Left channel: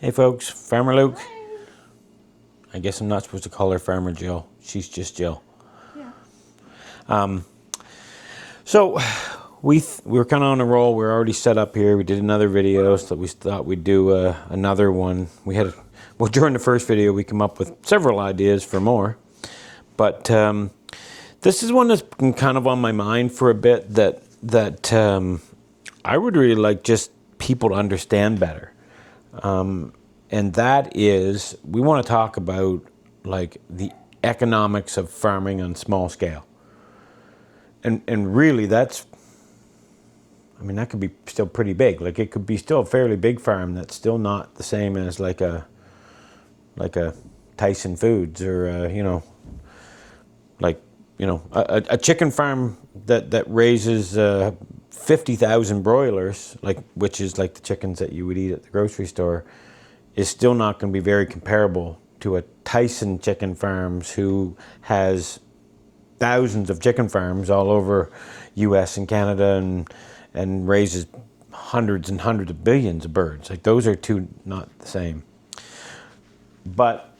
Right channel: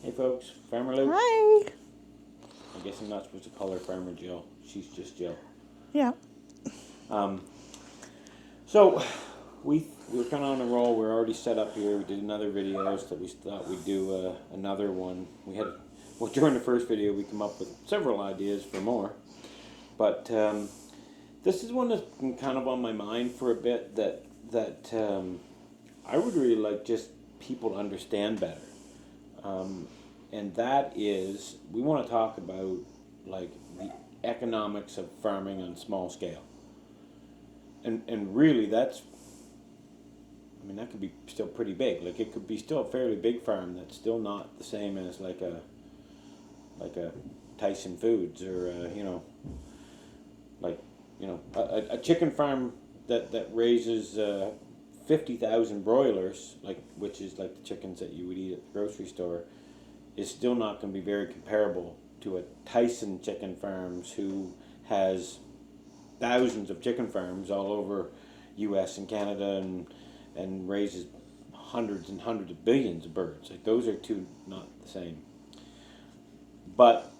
Hey folks, Farmer Luke. Hi. I guess I'm not supposed to call her Farmer Jill. She's just Jill. Yeah. So we were kind of on a roll. We're already set up here. We did another video, so we thought we'd do another one. During the first video, we come up with several ideas for more. But this is one that's been kind of on my mind for a bit that I would really like just people to understand better. And that is, we want to talk about like the economics of farming on small scale. And really that could be still pretty big. Like it could be still a fairly big farm that's still not the same as like a Tyson Foods or a chicken farm that raises 50,000 broilers, which is like the chickens that you would eat at the grocery store, is still not going to be very comparable to a Tyson chicken farms who has thousands of chicken farms all over U.S. and Canada and raises hundreds and hundreds of billions of birds. Like those are two not the same. But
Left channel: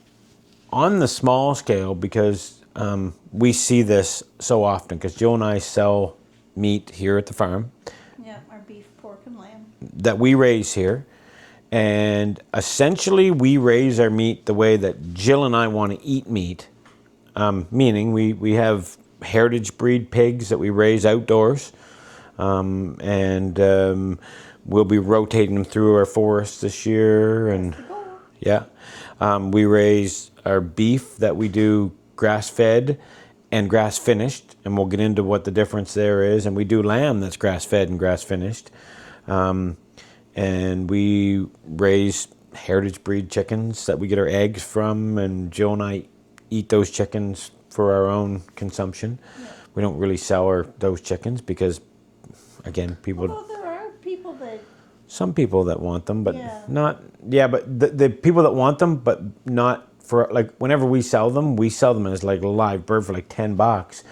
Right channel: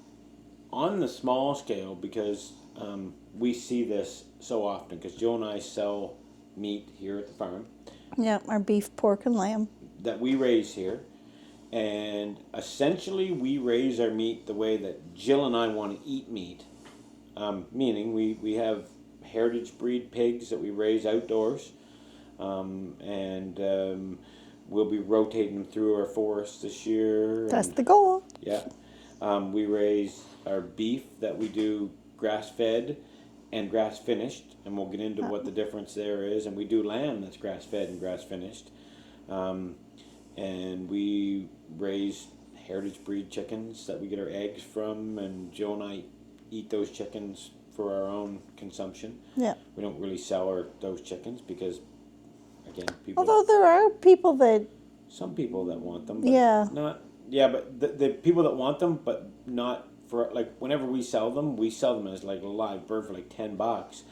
on the small scale, because we see this so often, because Jill and I sell meat here at the farm. Yeah, our beef, pork, and lamb. That we raise here. And essentially, we raise our meat the way that Jill and I want to eat meat. Meaning, we have heritage breed pigs that we raise outdoors. And we'll be rotating them through our forests this year. That's the goal. Yeah. We raise our beef that we do grass-fed and grass-finished. And we'll get into what the difference there is. And we do lamb that's grass-fed and grass-finished. And we raise heritage breed chickens that we get our eggs from, and Joe and I eat those chickens for our own consumption. Yeah. We don't really sell those chickens because, again, people... Although there are people that... Some people that want them, but Yeah. not... Yeah, but the people that want them, but not for... Like, whenever we sell them as like a live bird for like $10,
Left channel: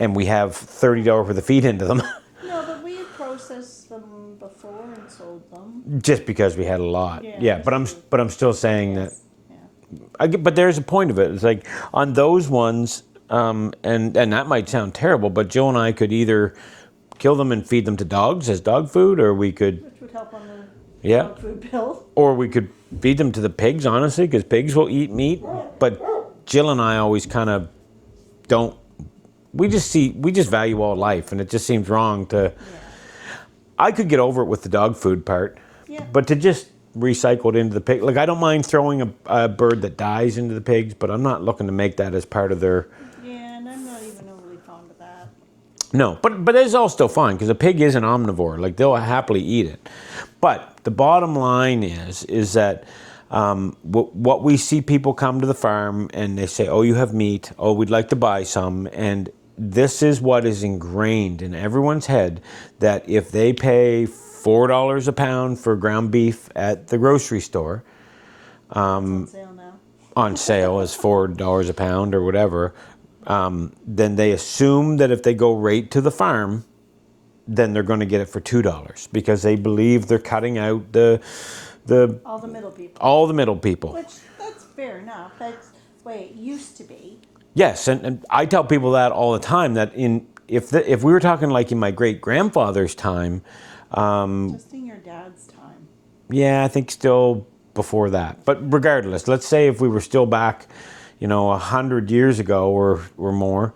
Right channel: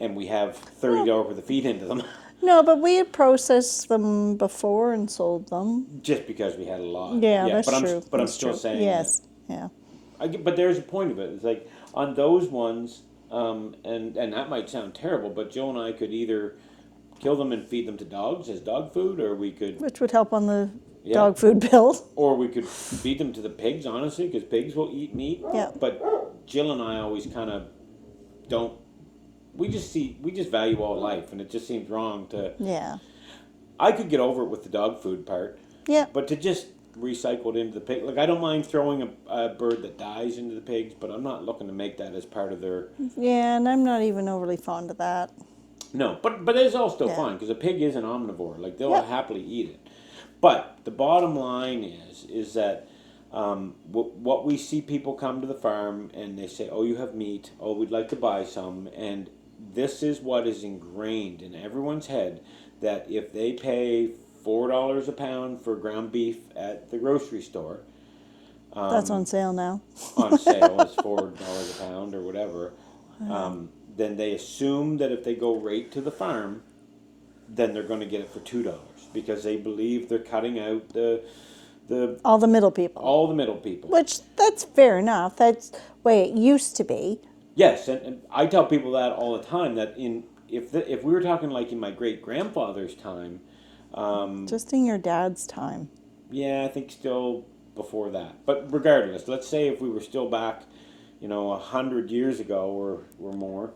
and we have $30 worth of feed into them. No, but we had processed them before and sold them. Just because we had a lot. Yeah, that's but true. I'm still saying Yes. that. Yeah. But there's a point of it. It's like on those ones, and that might sound terrible, but Jill and I could either kill them and feed them to dogs as dog food, or we could... Which would help on the dog food bill. Or we could feed them to the pigs, honestly, because pigs will eat meat. Yeah. But Jill and I always kind of don't... We just value all life, and it just seems wrong to... Yeah. I could get over it with the dog food part. Yeah. But to just recycle it into the pig... Like, I don't mind throwing a bird that dies into the pigs, but I'm not looking to make that as part of their... Yeah, and I'm not even overly fond of that. No, but it's all still fine, because a pig is an omnivore. Like, they'll happily eat it. But the bottom line is that what we see people come to the farm, and they say, oh, you have meat. Oh, we'd like to buy some. And this is what is ingrained in everyone's head, that if they pay $4 a pound for ground beef at the grocery store... That's on sale now. On sale as $4 a pound or whatever... then they assume that if they go right to the farm, then they're going to get it for $2 because they believe they're cutting out all the middle people. All the middle people. Which, that's fair enough. That's the way it used to be. Yes, and I tell people that all the time, that if we were talking like in my great-grandfather's time... Just in your dad's time. Yeah, I think still before that. But regardless, let's say if we were still back... 100 years ago or more,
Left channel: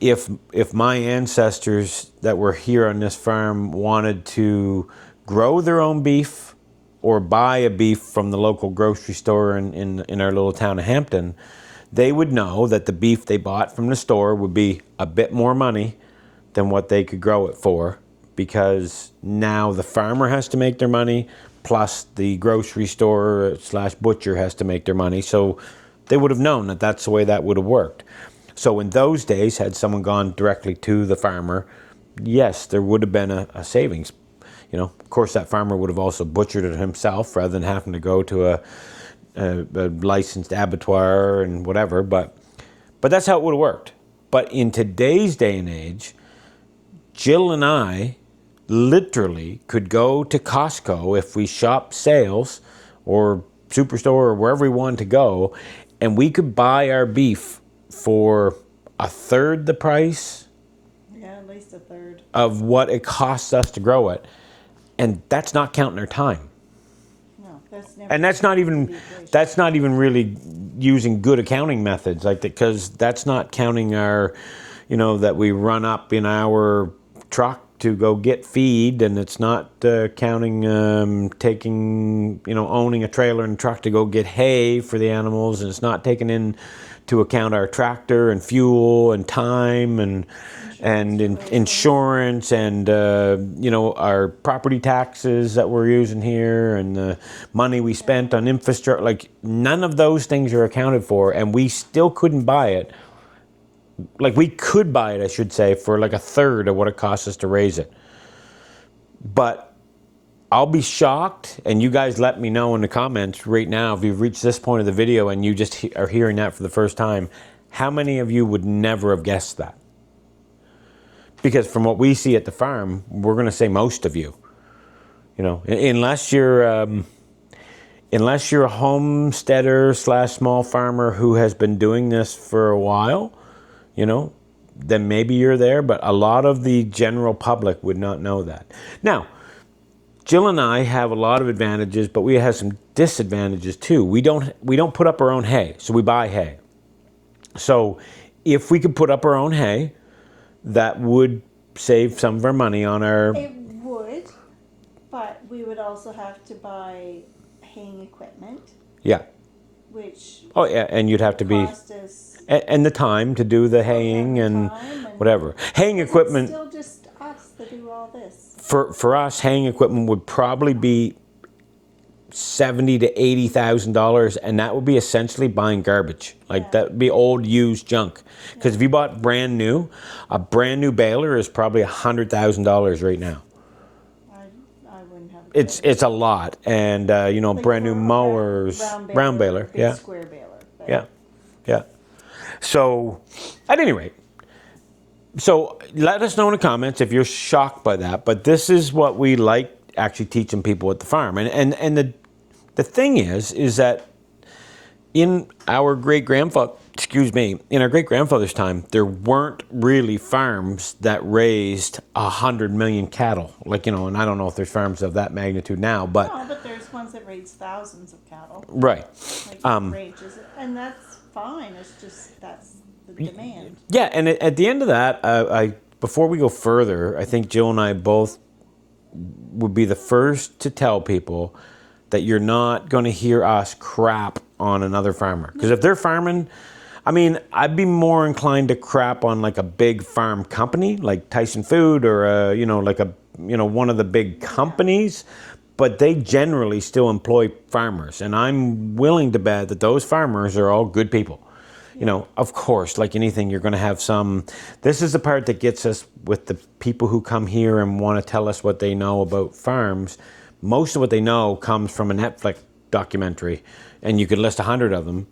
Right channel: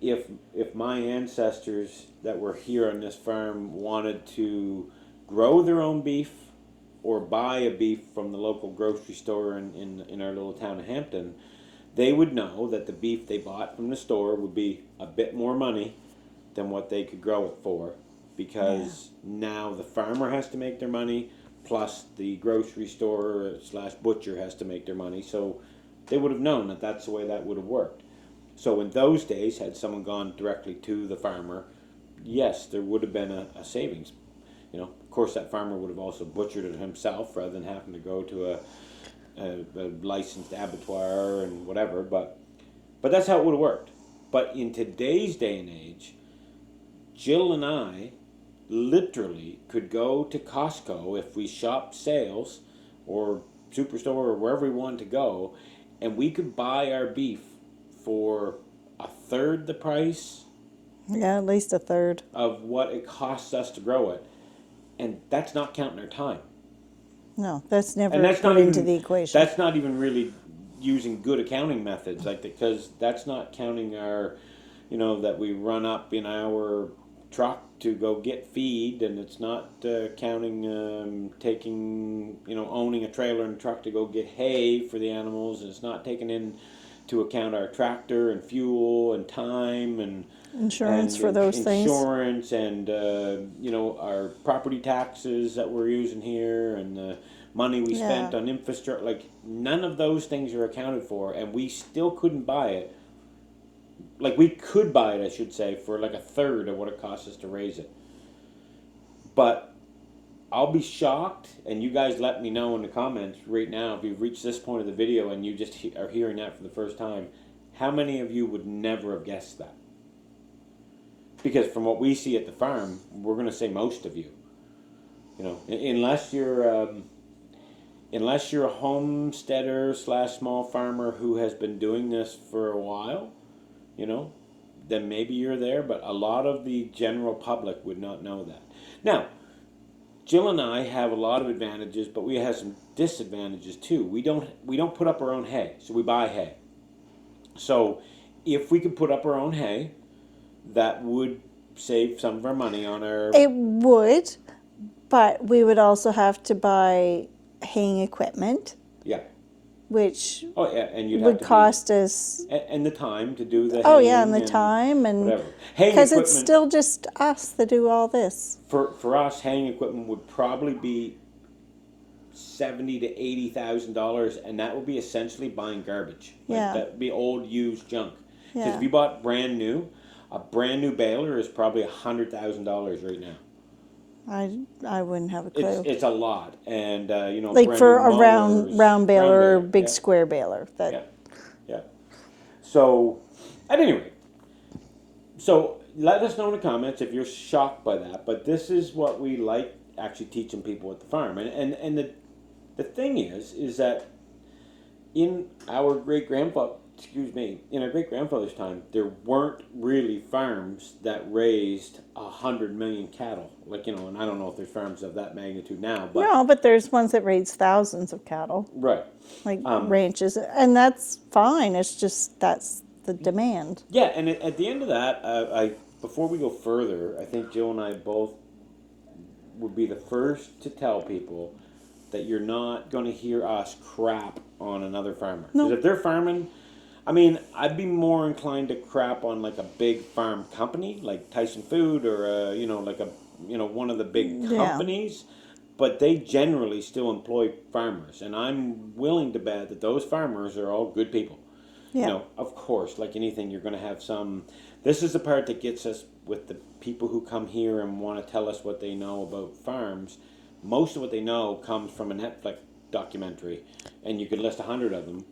if my ancestors that were here on this farm wanted to grow their own beef or buy a beef from the local grocery store in our little town of Hampton, they would know that the beef they bought from the store would be a bit more money than what they could grow it for, because now the farmer has to make their money, plus the grocery store / butcher has to make their money. So they would have known that that's the way that would have worked. So in those days, had someone gone directly to the farmer, yes, there would have been a savings. Of course, that farmer would have also butchered it himself rather than having to go to a licensed abattoir and whatever. But that's how it would have worked. But in today's day and age, Jill and I literally could go to Costco if we shop sales or Superstore or wherever we wanted to go, and we could buy our beef for a third the price Yeah, at least a third. of what it costs us to grow it, and that's not counting our time. No, that's never And that's come not into even the equation. that's not even really using good accounting methods, like, because that's not counting our, that we run up in our truck to go get feed, and it's not counting taking, owning a trailer and truck to go get hay for the animals, and it's not taking into account our tractor and fuel and time and Insurance for those things. insurance and our property taxes that we're using here and the money we spent Yeah. on infrastructure. Like, none of those things are accounted for, and we still couldn't buy it. Like, we could buy it, I should say, for like a third of what it costs us to raise it. But I'll be shocked, and you guys let me know in the comments right now if you've reached this point of the video and you just are hearing that for the first time, how many of you would never have guessed that? Because from what we see at the farm, we're going to say most of you. Unless you're a homesteader / small farmer who has been doing this for a while, then maybe you're there, but a lot of the general public would not know that. Now, Jill and I have a lot of advantages, but we have some disadvantages too. We don't put up our own hay, so we buy hay. So if we could put up our own hay, that would save some of our money on our... It would, but we would also have to buy haying equipment, Yeah. which Oh, yeah, and you'd have would to be... cost us. And the time to do the haying. Oh yeah, and the time and whatever. Haying because equipment... it's still just us that do all this. For us, haying equipment would probably be $70,000 to $80,000, and that would be essentially buying garbage. Like, Yeah. that would be old used junk. Because Yeah. if you bought brand new, a brand new baler is probably $100,000 right now. I wouldn't have a clue. It's a lot, and like brand for new a mowers, round baler, or a big yeah. square baler. Yeah. So, at any rate, so let us know in the comments if you're shocked by that. But this is what we like actually teaching people at the farm, and the thing is that in our great-grandfather's time, there weren't really farms that raised 100 million cattle. Like, and I don't know if there's farms of that magnitude now, but... No, but there's ones that raise thousands of cattle, Right. like ranches, and that's fine. It's just that's the demand. Yeah, and at the end of that, before we go further, I think Jill and I both would be the first to tell people that you're not going to hear us crap on another farmer. Because if they're farming... I mean, I'd be more inclined to crap on like a big farm company, like Tyson Food or one of the big companies, but they generally still employ farmers, and I'm willing to bet that those farmers are all good people. Yeah. Of course, like anything, you're going to have some. This is the part that gets us with the people who come here and want to tell us what they know about farms. Most of what they know comes from a Netflix documentary, and you could list 100 of them.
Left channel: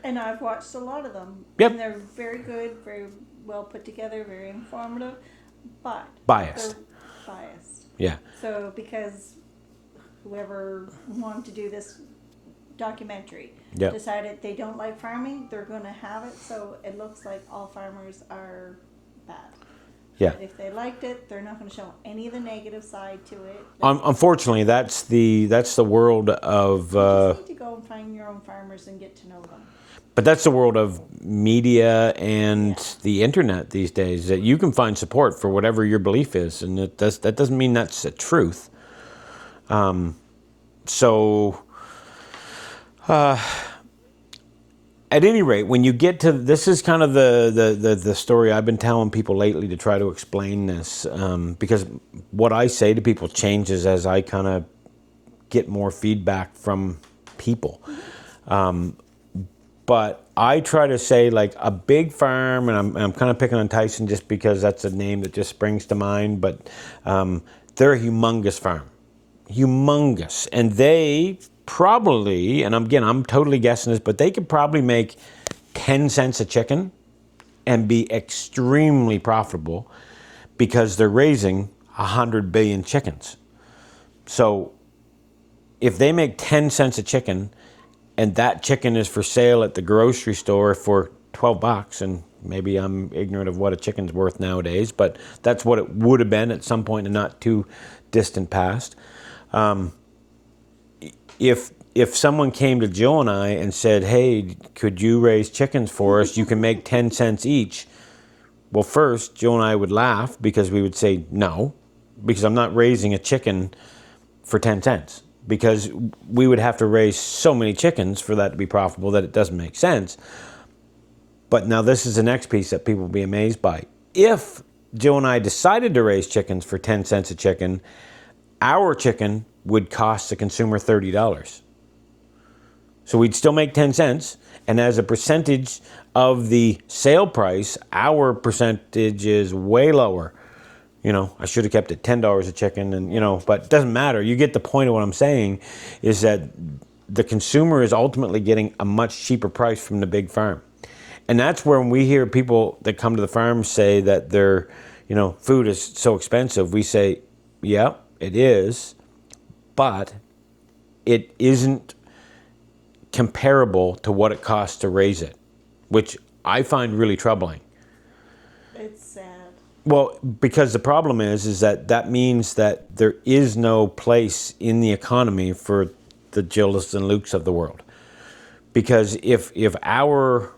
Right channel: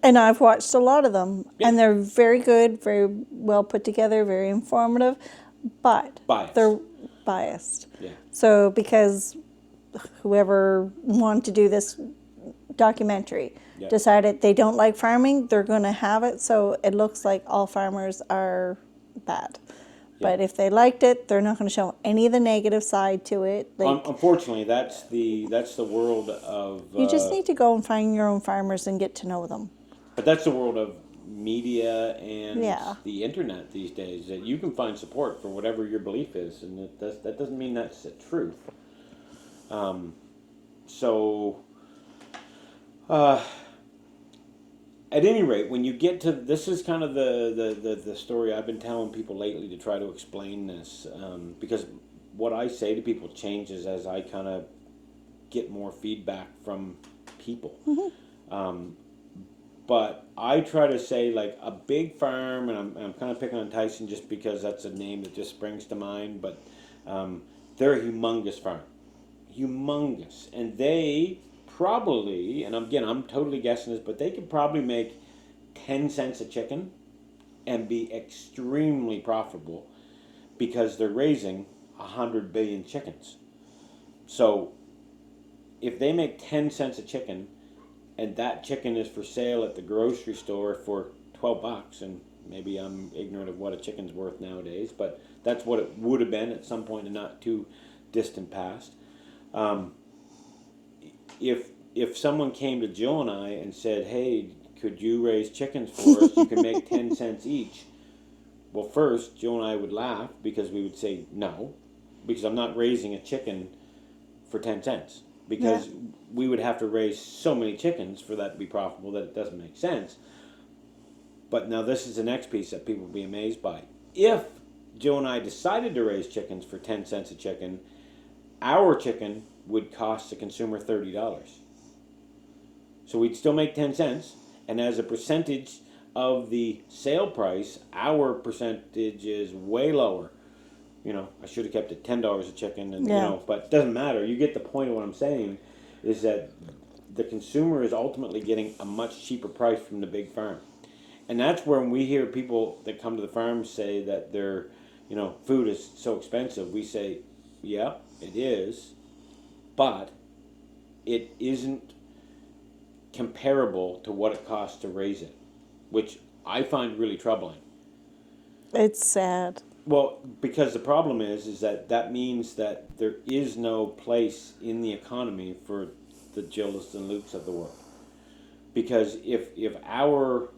And I've watched a lot of them, Yep. and they're very good, very well put together, very informative, but Biased. they're biased. Yeah. So because whoever wanted to do this documentary Yep. decided they don't like farming, they're going to have it, so it looks like all farmers are bad. Yeah. But if they liked it, they're not going to show any of the negative side to it. Unfortunately, that's the world of. You just need to go and find your own farmers and get to know them. But that's the world of media and Yeah. the internet these days. That you can find support for whatever your belief is, and that doesn't mean that's the truth. At any rate, when you get to this is kind of the story I've been telling people lately to try to explain this, because what I say to people changes as I kind of get more feedback from people. Mm-hmm. But I try to say, like, a big farm, and I'm kind of picking on Tyson just because that's a name that just springs to mind, but they're a humongous farm. Humongous. And they probably, and again, I'm totally guessing this, but they could probably make 10 cents a chicken and be extremely profitable because they're raising 100 billion chickens. So if they make 10 cents a chicken and that chicken is for sale at the grocery store for $12, and maybe I'm ignorant of what a chicken's worth nowadays, but that's what it would have been at some point in not too distant past. If someone came to Jill and I and said, hey, could you raise chickens for us? You can make 10 cents each. Well, first, Jill and I would laugh because we would say no, because I'm not raising a chicken for 10 cents. Because we would have to raise so many chickens for that to be profitable that it doesn't make sense. But now this is the next piece that people will be amazed by. If Jill and I decided to raise chickens for 10 cents a chicken, our chicken would cost the consumer $30. So we'd still make 10 cents, and as a percentage of the sale price, our percentage is way lower. You know, I should have kept it $10 a chicken, and you know, but it doesn't matter. You get the point of what I'm saying, is that the consumer is ultimately getting a much cheaper price from the big farm. And that's where when we hear people that come to the farm say that their, you know, food is so expensive, we say, yeah, it is, but it isn't comparable to what it costs to raise it, which I find really troubling. It's sad. Well, because the problem is that means that there is no place in the economy for the Jills and Lukes of the world. Because if our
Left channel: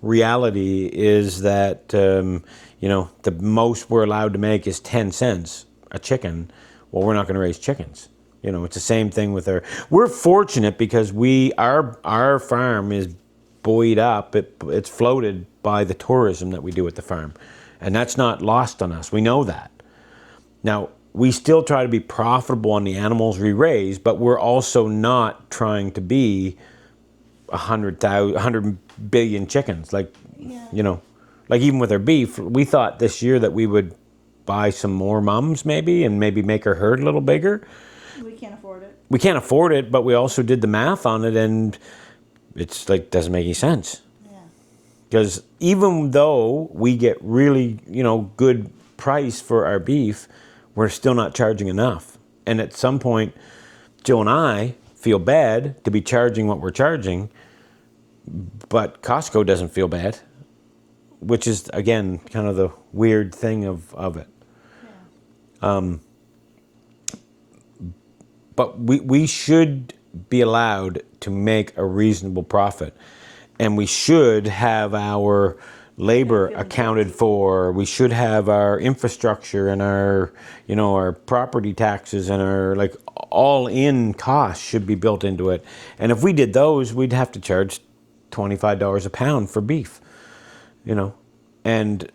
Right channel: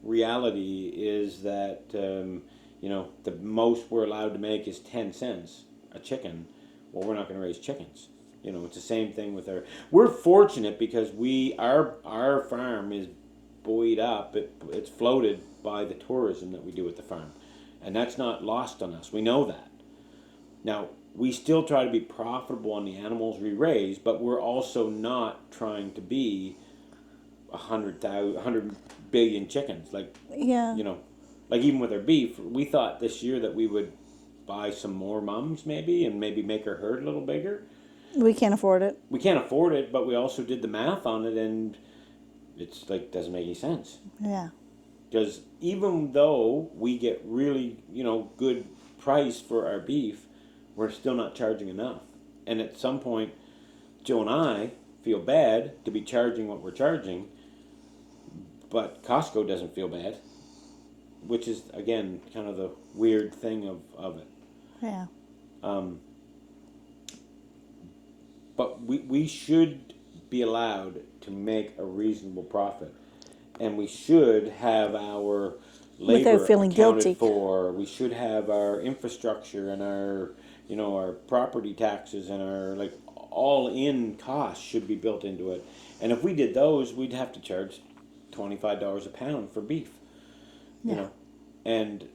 reality is that you know, the most we're allowed to make is 10 cents a chicken, well, we're not going to raise chickens. You know, it's the same thing with our. We're fortunate because our farm is buoyed up. It's floated by the tourism that we do at the farm, and that's not lost on us. We know that. Now we still try to be profitable on the animals we raise, but we're also not trying to be 100 billion chickens. Like, you know, like even with our beef, we thought this year that we would buy some more mums maybe, and maybe make our herd a little bigger. We can't afford it. We can't afford it, but we also did the math on it, and it's like, doesn't make any sense. Yeah. Because even though we get really, you know, good price for our beef, we're still not charging enough. And at some point, Jill and I feel bad to be charging what we're charging, but Costco doesn't feel bad, which is, again, kind of the weird thing of it. Yeah. But we should be allowed to make a reasonable profit. And we should have our labor accounted guilty for. We should have our infrastructure and our, you know, our property taxes and our, like, all-in costs should be built into it. And if we did those, we'd have to charge $25 a pound for beef, you know. And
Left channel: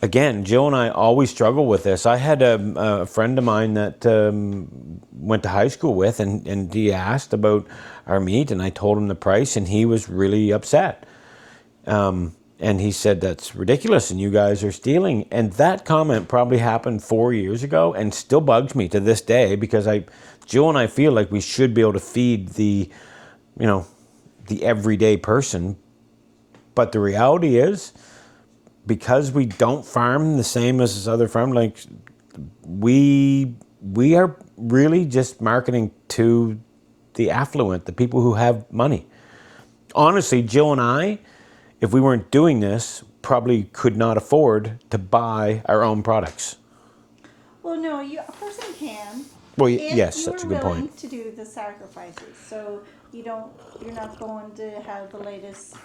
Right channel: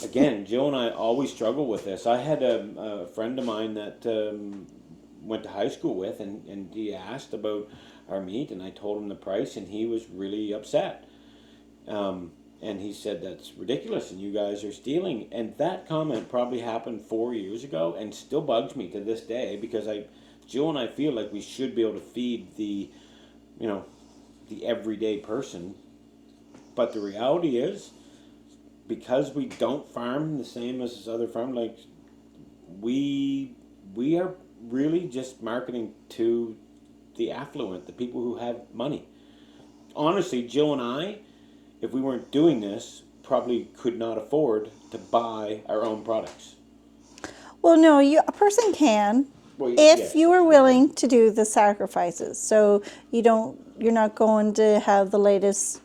again, Jill and I always struggle with this. I had a friend of mine that went to high school with, and he asked about our meat, and I told him the price, and he was really upset. And he said, that's ridiculous, and you guys are stealing. And that comment probably happened 4 years ago and still bugs me to this day, because Jill and I feel like we should be able to feed the, you know, the everyday person. But the reality is, because we don't farm the same as this other farm, like we are really just marketing to the affluent, the people who have money. Honestly, Jill and I, if we weren't doing this, probably could not afford to buy our own products. Well, no, a person can. Well, if yes, you that's are a good willing point. to do the sacrifices. So you're not going to have the latest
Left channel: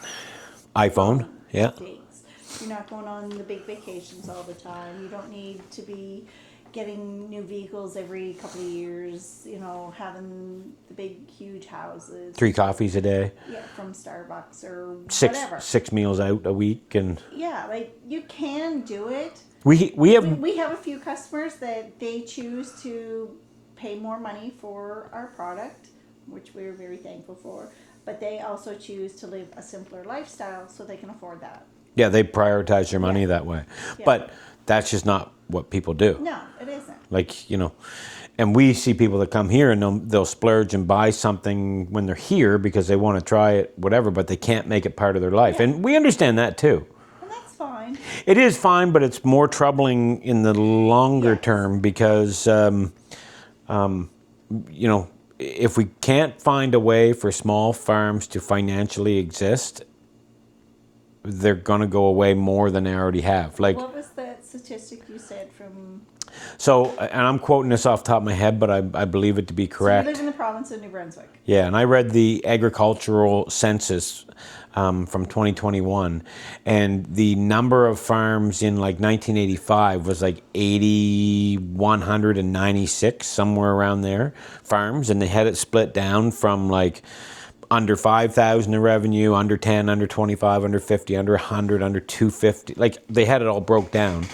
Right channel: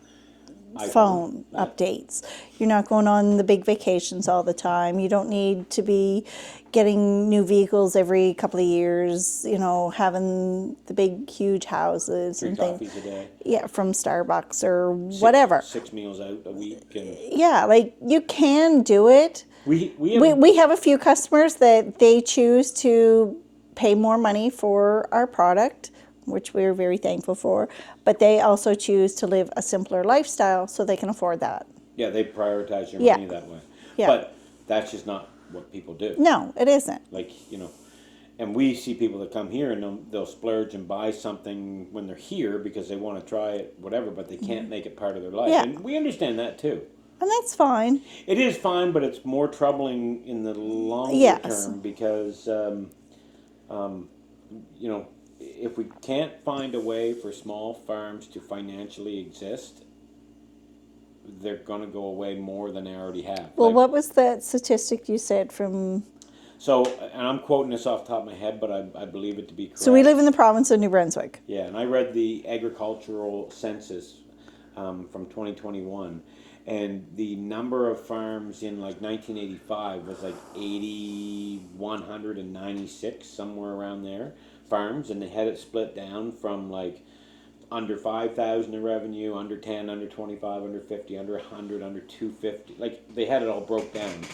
iPhone, phone yeah. updates. You're not going on the big vacations all the time. You don't need to be getting new vehicles every couple of years, you know, having the big, huge houses. 3 coffees a day. Yeah, from Starbucks or whatever. 6 meals out a week. And yeah, like, you can do it. we have a few customers that they choose to pay more money for our product, which we're very thankful for, but they also choose to live a simpler lifestyle so they can afford that. Yeah, they prioritize their money that way. Yeah. But that's just not what people do. No, it isn't. Like, you know, and we see people that come here and they'll splurge and buy something when they're here because they want to try it, whatever, but they can't make it part of their life. Yeah. And we understand that too. And that's fine. It is fine, but it's more troubling in the longer Yes. term because you know, if we can't find a way for small farms to financially exist, they're going to go away more than they already have. Well, what was that statistic you said from? So, and I'm quoting this off the top of my head, but I believe it to be correct. So we live in the province of New Brunswick. Yeah, and I read the agricultural census from 2021, and the number of farms in like 1985 was like 8,196, somewhere around there, farms, and they had it split down from like under 5,000 in revenue, under 10, under 25, under 50, under 100, under 250. Like they had it all broke down.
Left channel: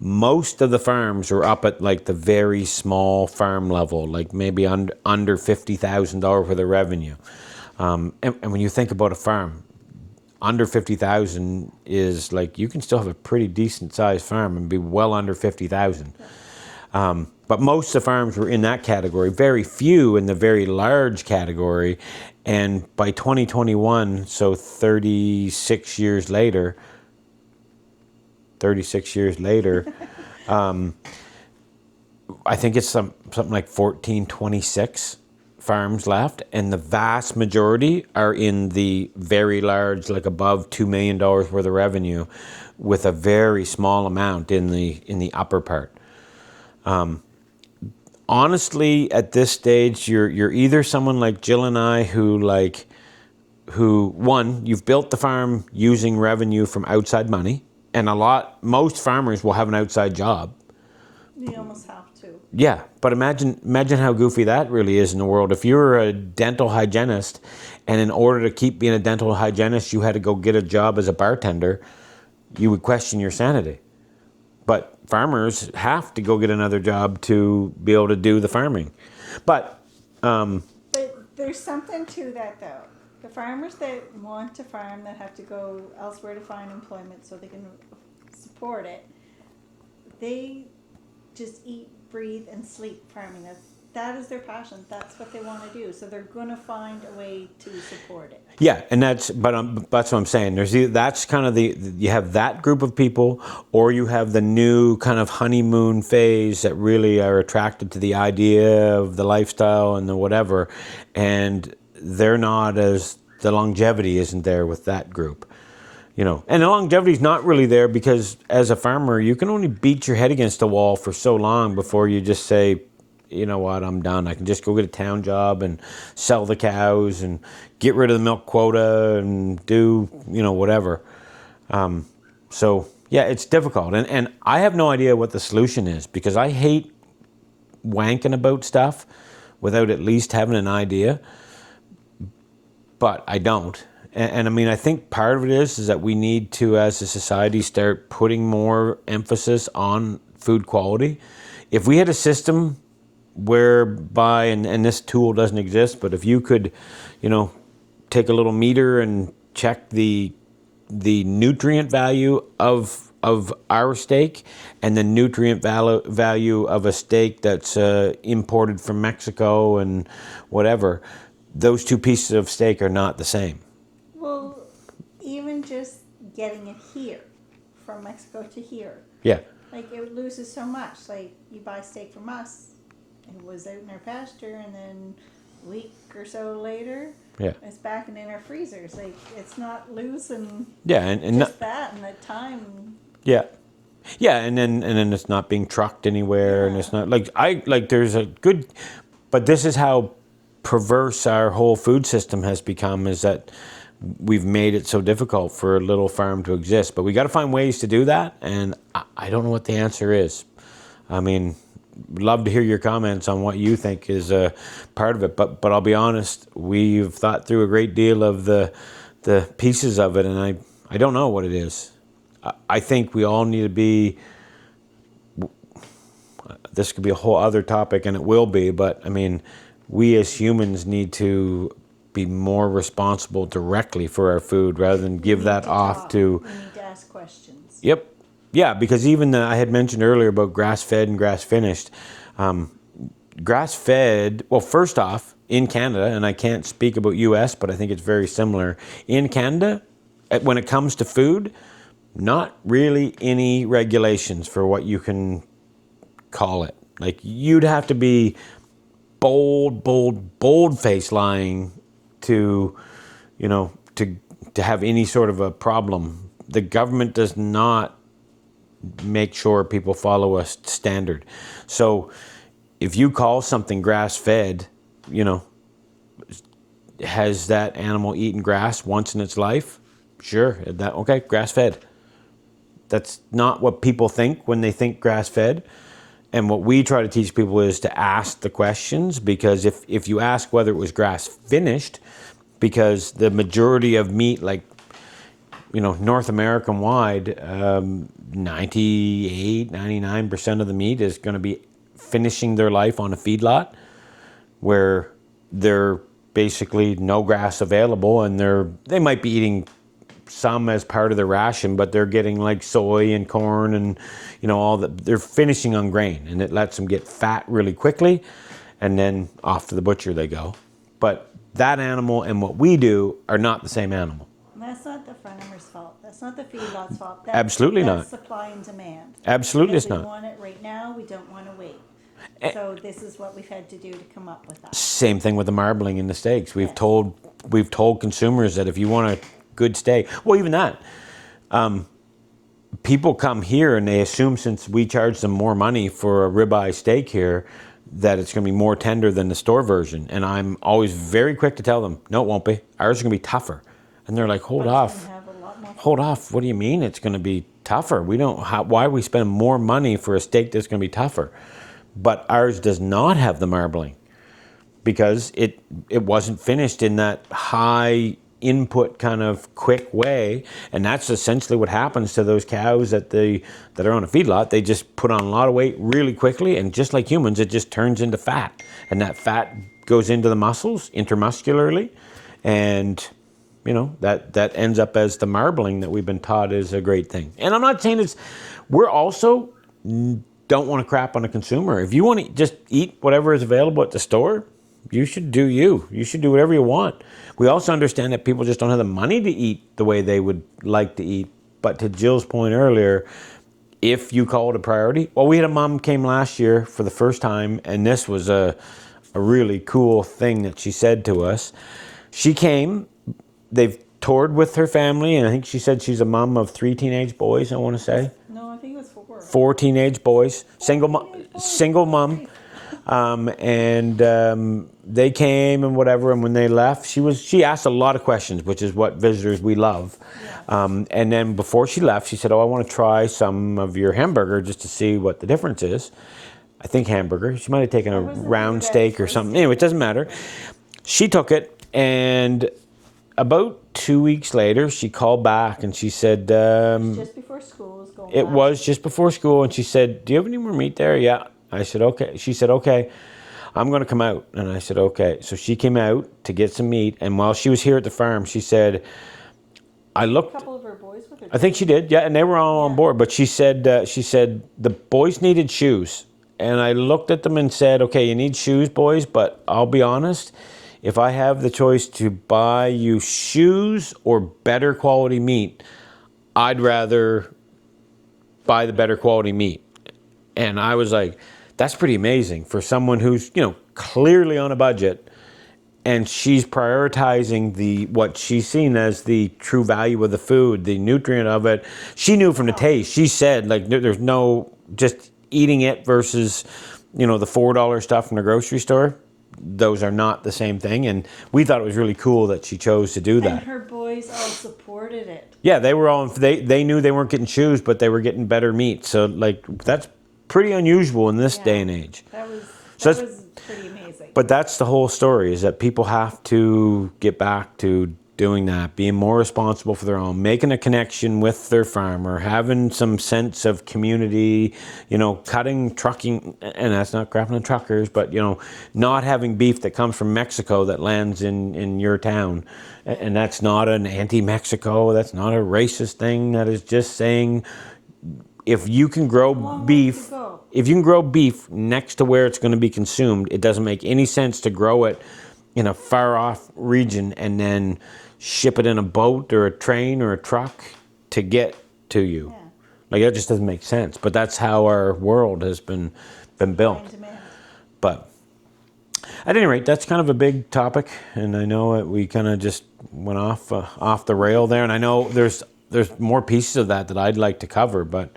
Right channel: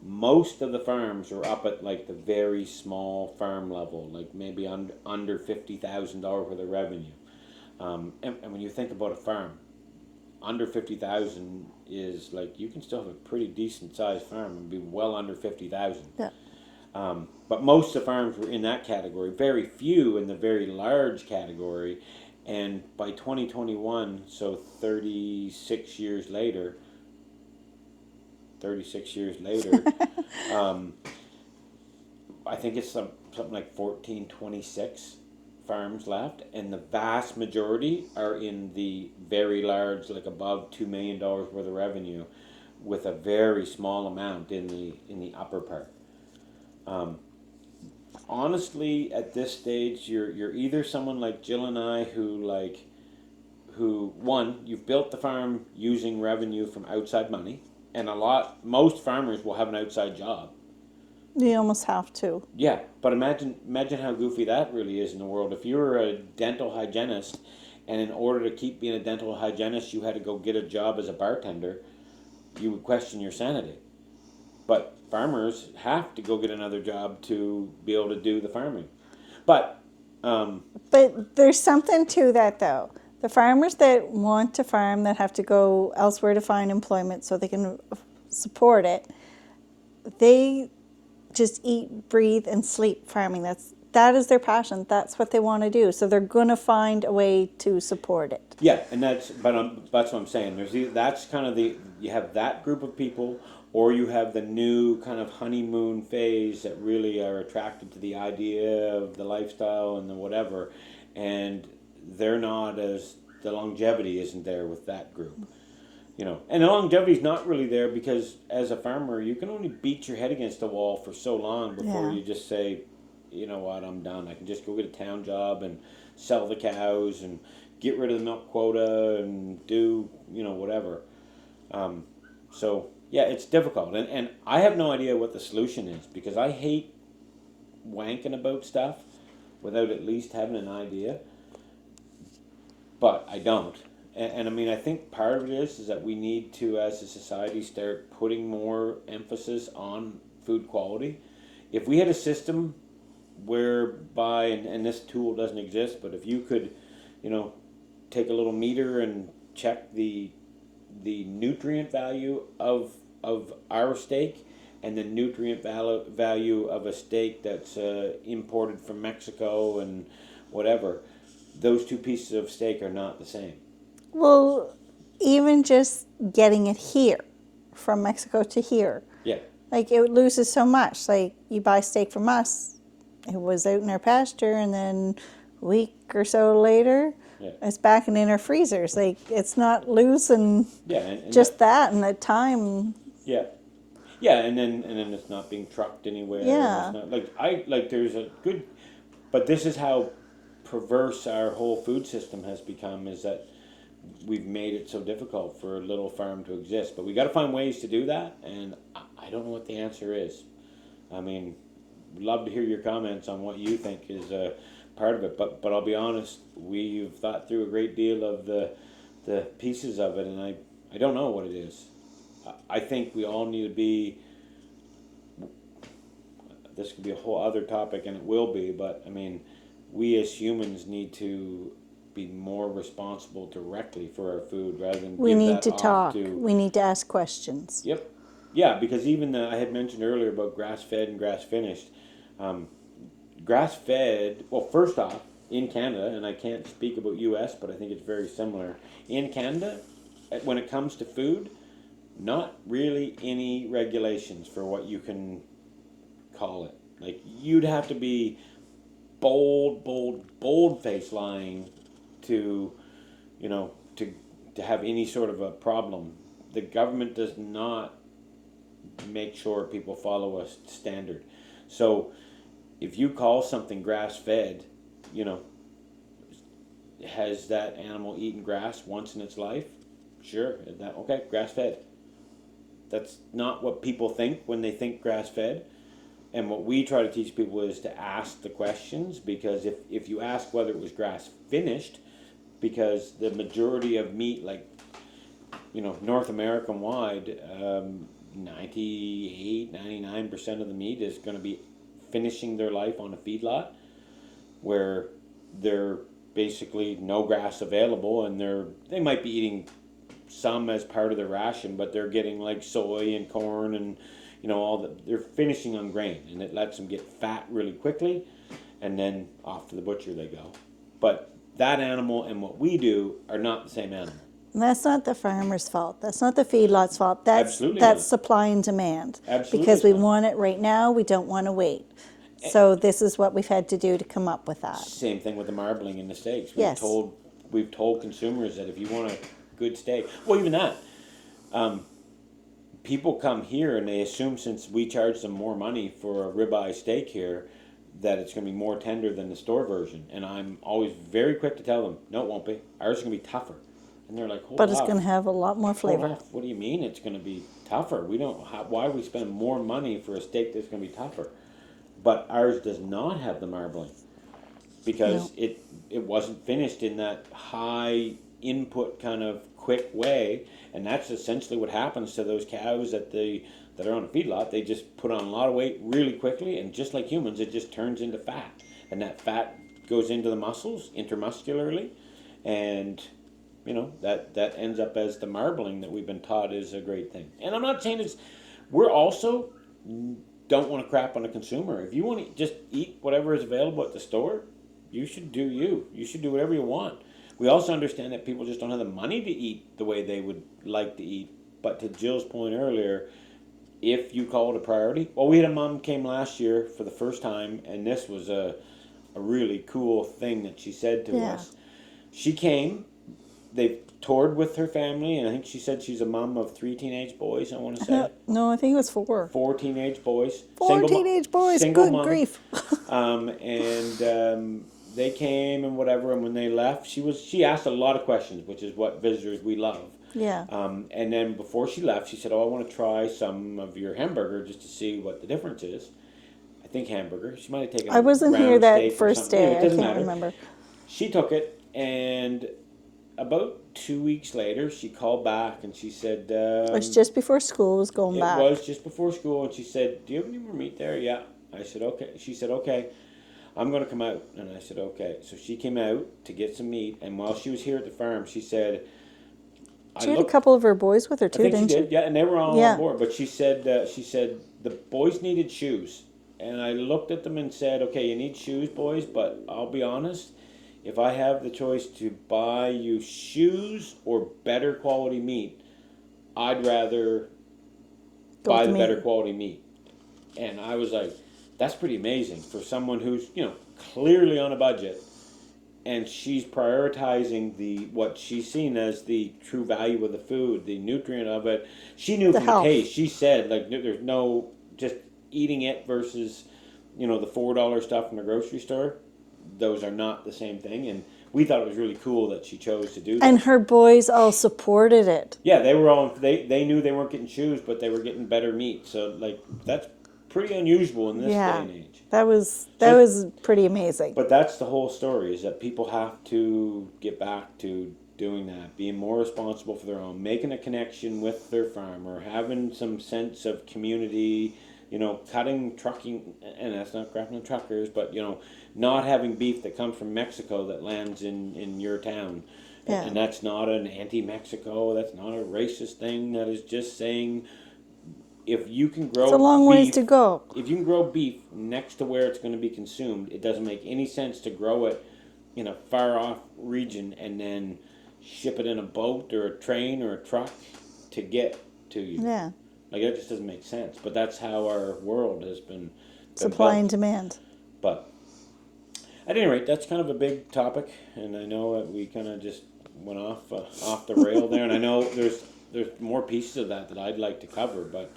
Most of the farms were up at like the very small farm level, like maybe under $50,000 worth of revenue. And when you think about a farm, under 50,000 is like you can still have a pretty decent sized farm and be well under 50,000. Yeah. But most of the farms were in that category, very few in the very large category. And by 2021, so 36 years later, I think it's something like 1426 farms left, and the vast majority are in the very large, like above $2 million worth of revenue, with a very small amount in the upper part. Honestly, at this stage, you're either someone like Jill and I who you've built the farm using revenue from outside money, and most farmers will have an outside job. You almost have to. Yeah, but imagine how goofy that really is in the world. If you were a dental hygienist, and in order to keep being a dental hygienist, you had to go get a job as a bartender, you would question your sanity. But farmers have to go get another job to be able to do the farming. But there's something to that, though. The farmers that want to farm, that have to go elsewhere to find employment so they can support it, they just eat, breathe, and sleep farming. That is their passion. That's what they want to do. So they're going to find a way to support it. Yeah, and that's what I'm saying. That's kind of you have that group of people, or you have the new kind of honeymoon phase that really are attracted to the idea of the lifestyle and the whatever, and they're not the longevity isn't there with that group. You know, and the longevity is not really there because as a farmer, you can only beat your head against the wall for so long before you just say, you know what, I'm done. I can just go get a town job and sell the cows and get rid of the milk quota and do, whatever. So, yeah, it's difficult. And I have no idea what the solution is because I hate wanking about stuff without at least having an idea. But I don't. And I mean, I think part of it is that we need to, as a society, start putting more emphasis on food quality. If we had a system whereby, and this tool doesn't exist, but if you could, take a little meter and check the nutrient value of our steak and the nutrient value of a steak that's imported from Mexico and whatever, those two pieces of steak are not the same. Well, even just getting it here, from Mexico to here. Yeah. Like, it loses so much. Like, you buy steak from us, it was out in our pasture, and then a week or so later, it's back in our freezers. Like, it's not losing and just that and the time. Yeah. Yeah, and then it's not being trucked anywhere, and it's not, there's a good, but this is how perverse our whole food system has become, is that we've made it so difficult for a little farm to exist. But we got to find ways to do that, and I don't know what the answer is. I mean, love to hear your comments on what you think is a part of it. But I'll be honest, we've thought through a great deal of the pieces of it, and I don't know what it is. I think we all need to be. This could be a whole other topic, and it will be. But I mean, we as humans need to be more responsible directly for our food rather than give that off to. We need to ask questions. Yep. Yeah, because even I had mentioned earlier about grass-fed and grass-finished. Grass-fed, well, first off, in Canada, and I can't speak about US, but I think it's very similar. In Canada, when it comes to food, not really any regulations for what you can call it. Like, you'd have to be bold face lying to, you know, to have any sort of a problem. The government does not make sure people follow a standard. So if you call something grass-fed, you know, has that animal eaten grass once in its life? Sure. Okay, grass-fed. That's not what people think when they think grass-fed. And what we try to teach people is to ask the questions, because if you ask whether it was grass-finished, because the majority of meat, like, you know, North American wide, 98, 99% of the meat is going to be finishing their life on a feedlot where they're basically no grass available, and they might be eating some as part of their ration, but they're getting like soy and corn and, you know, all that. They're finishing on grain, and it lets them get fat really quickly, and then off to the butcher they go. But that animal and what we do are not the same animal. And that's not the farmer's fault. That's not the feedlot's fault. Absolutely that's not. Supply and demand. Absolutely because we not. want it right now. We don't want to wait. So this is what we've had to do to come up with that. Same thing with the marbling and the steaks. We've Yes. told consumers that if you want a good steak, well, even that, people come here and they assume since we charge them more money for a ribeye steak here, that it's going to be more tender than the store version. And I'm always very quick to tell them, no, it won't be. Ours is going to be tougher. And they're like, hold But off. it's going to have a lot more Hold flavor. off. What do you mean it's going to be tougher? Why are we spending more money for a steak that's going to be tougher? But ours does not have the marbling because it wasn't finished in that high input kind of quick way. And that's essentially what happens to those cows that are on a feedlot. They just put on a lot of weight really quickly, and just like humans, it just turns into fat. And that fat goes into the muscles intramuscularly, and you know, that ends up as the marbling that we've been taught is a great thing. And I'm not saying we're also don't want to crap on the consumer. If you want to just eat whatever is available at the store, you should do you. You should do whatever you want. We also understand that people just don't have the money to eat the way they would like to eat. But to Jill's point earlier, if you call it a priority, well, we had a mom came last year for the first time, and this was a really cool thing that she said to us. She came. They've toured with her family, and I think she said she's a mom of 3 teenage boys, I want to say. No, I think it was 4. 4 teenage boys. Teenage boys. Single Good mom. grief. And they came and whatever, and when they left, she asked a lot of questions, which is what visitors we love. Yeah. And then before she left, she said, I want to try some of your hamburger just to see what the difference is. I think hamburger. She might have taken a round steak or something. Anyway, it doesn't matter. Remember. She took it, and about 2 weeks later, she called back and she said... it was just before school was going back. It was just before school, and she said, do you have any more meat there? Yeah. I said, okay. She said, okay, I'm going to come out. And I said, okay. So she came out to get some meat, and while she was here at the farm, she said... She had a couple of her boys with her too. I think she did, yeah, and they were all on Yeah. board. But she said the boys needed shoes. And I looked at them and said, okay, you need shoes, boys, but I'll be honest... If I have the choice to buy you shoes or better quality meat, I'd rather buy the better quality meat. And I was like, that's pretty amazing for someone who's, you know, clearly on a budget, and she's prioritizing what she's seen as the true value of the food, the nutrient of it. She knew from the taste. She said, like, there's no just eating it versus, you know, the $4 stuff from the grocery store. Those are not the same thing, and we thought it was really cool that she chose to do that. And her boys all supported it. Yeah, they were all they knew they weren't getting shoes, but they were getting better meat. So like that's pretty unusual in this day and age. That was pretty amazing. But that's the whole story, is that people have to get back to doing that, being more responsible for their own, making a connection with their farmer, having some sense of community, you know, trucking, and that's not crapping on truckers, but, you know, not having beef that comes from Mexico that lands in your town. Yeah. And that's not an anti-Mexico, that's not a racist thing, that is just saying, if you can grow it's a long beef, ways to go. If you can grow beef next to where it's going to be consumed, it doesn't make any sense to grow it in a far off region and then ship it in a boat or a train or a truck to get to you. Yeah. Like, that just doesn't make sense. But that's how our world has been built. Supply and demand. But At any rate, that's kind of a big topic, and I know that we kind of just went off the rail there. And I know there's more pieces of that I'd like to cover, but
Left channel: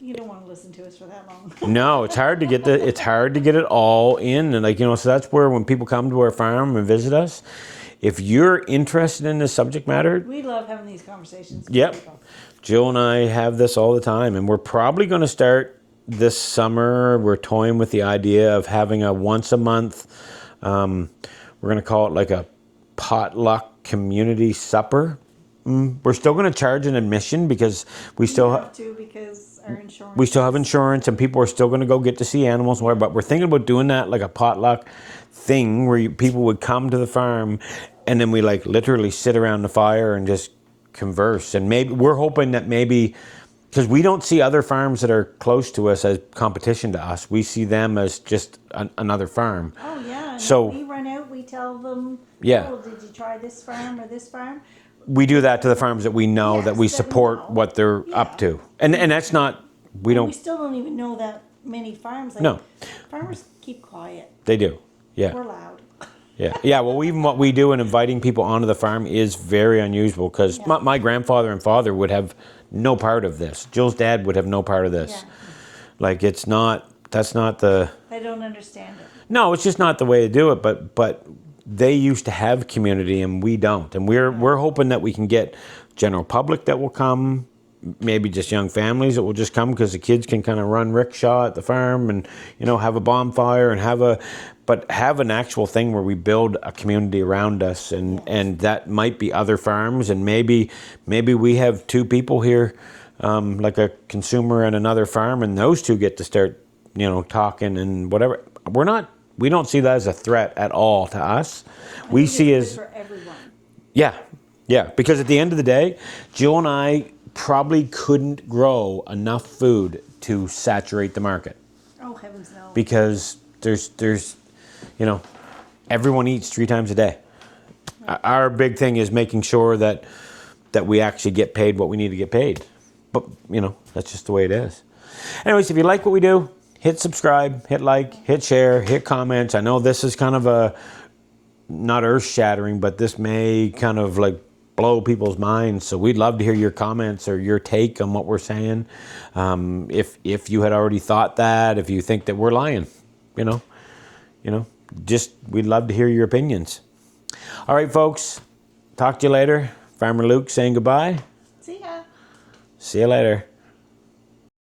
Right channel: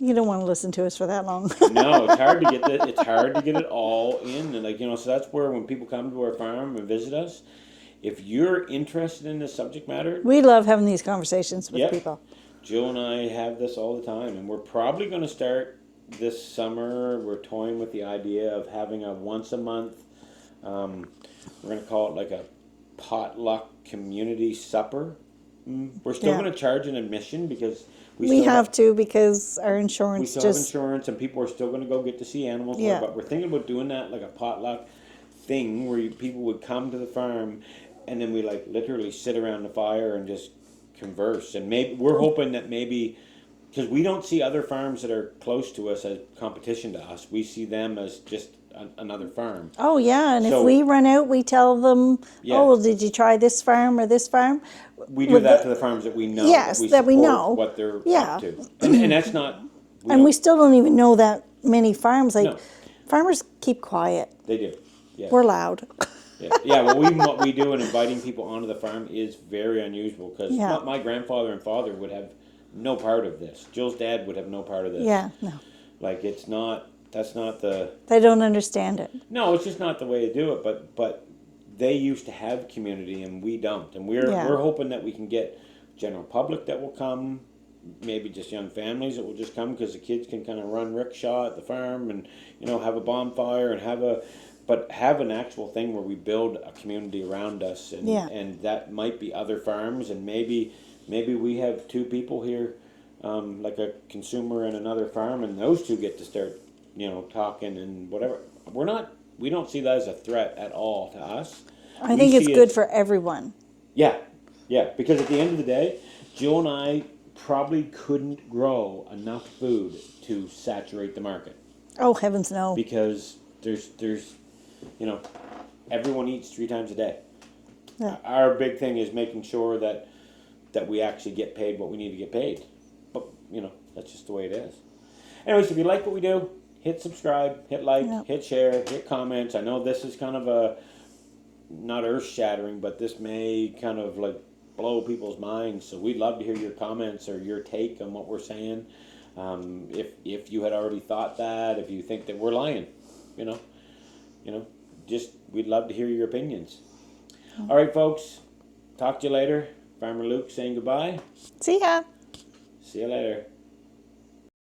You don't want to listen to us for that long. no, it's hard to get it all in, and like so that's where when people come to our farm and visit us, if you're interested in this subject matter, We love having these conversations with yep, people. Jill and I have this all the time, and we're probably going to start this summer. We're toying with the idea of having a once a month. We're going to call it like a potluck community supper. We're still Yeah. going to charge an admission because we We still have to because our insurance. we still have just- insurance, and people are still going to go get to see animals. Yeah. But we're thinking about doing that like a potluck thing where people would come to the farm, and then we like literally sit around the fire and just converse. And maybe we're hoping that maybe because we don't see other farms that are close to us as competition to us, we see them as just another farm. Oh yeah, and So- if we run out, we tell them, Yeah. "Oh, did you try this farm or this farm?" We do Well, that the- to the farms that we know, Yes, that we that we support know. what they're Yeah. up to, and that's not we and don't. we still don't even know that many farms. Like No. farmers keep quiet. They do, yeah. We're loud. Yeah. Well, even what we do in inviting people onto the farm is very unusual because Yeah. my grandfather and father would have no part of this. Jill's dad would have no part of this. Yeah, no. Like it's not. That's not the. They don't understand it. No, it's just not the way to do it. But they used to have community and we don't, and Yeah. we're hoping that we can get general public that will come. Maybe just young families that will just come because the kids can kind of run rickshaw at the farm and have a bonfire and have an actual thing where we build a community around us and Yes. and that might be other farms and maybe we have two people here like a consumer and another farm and those two get to start talking and whatever. We don't see that as a threat at all to us. I we think it's see good as, for everyone. yeah, because at the end of the day, Jill and I probably couldn't grow enough food to saturate the market Oh heavens no! because there's everyone eats 3 times a day. Yeah. Our big thing is making sure that we actually get paid what we need to get paid. But that's just the way it is. Anyways, if you like what we do, hit subscribe, hit like, hit share, hit comments. I know this is kind of a not earth shattering, but this may kind of like blow people's minds. So we'd love to hear your comments or your take on what we're saying. If you had already thought that, if you think that we're lying, just we'd love to hear your opinions. All right, folks. Talk to you later. Farmer Luke saying goodbye. See ya. See you later.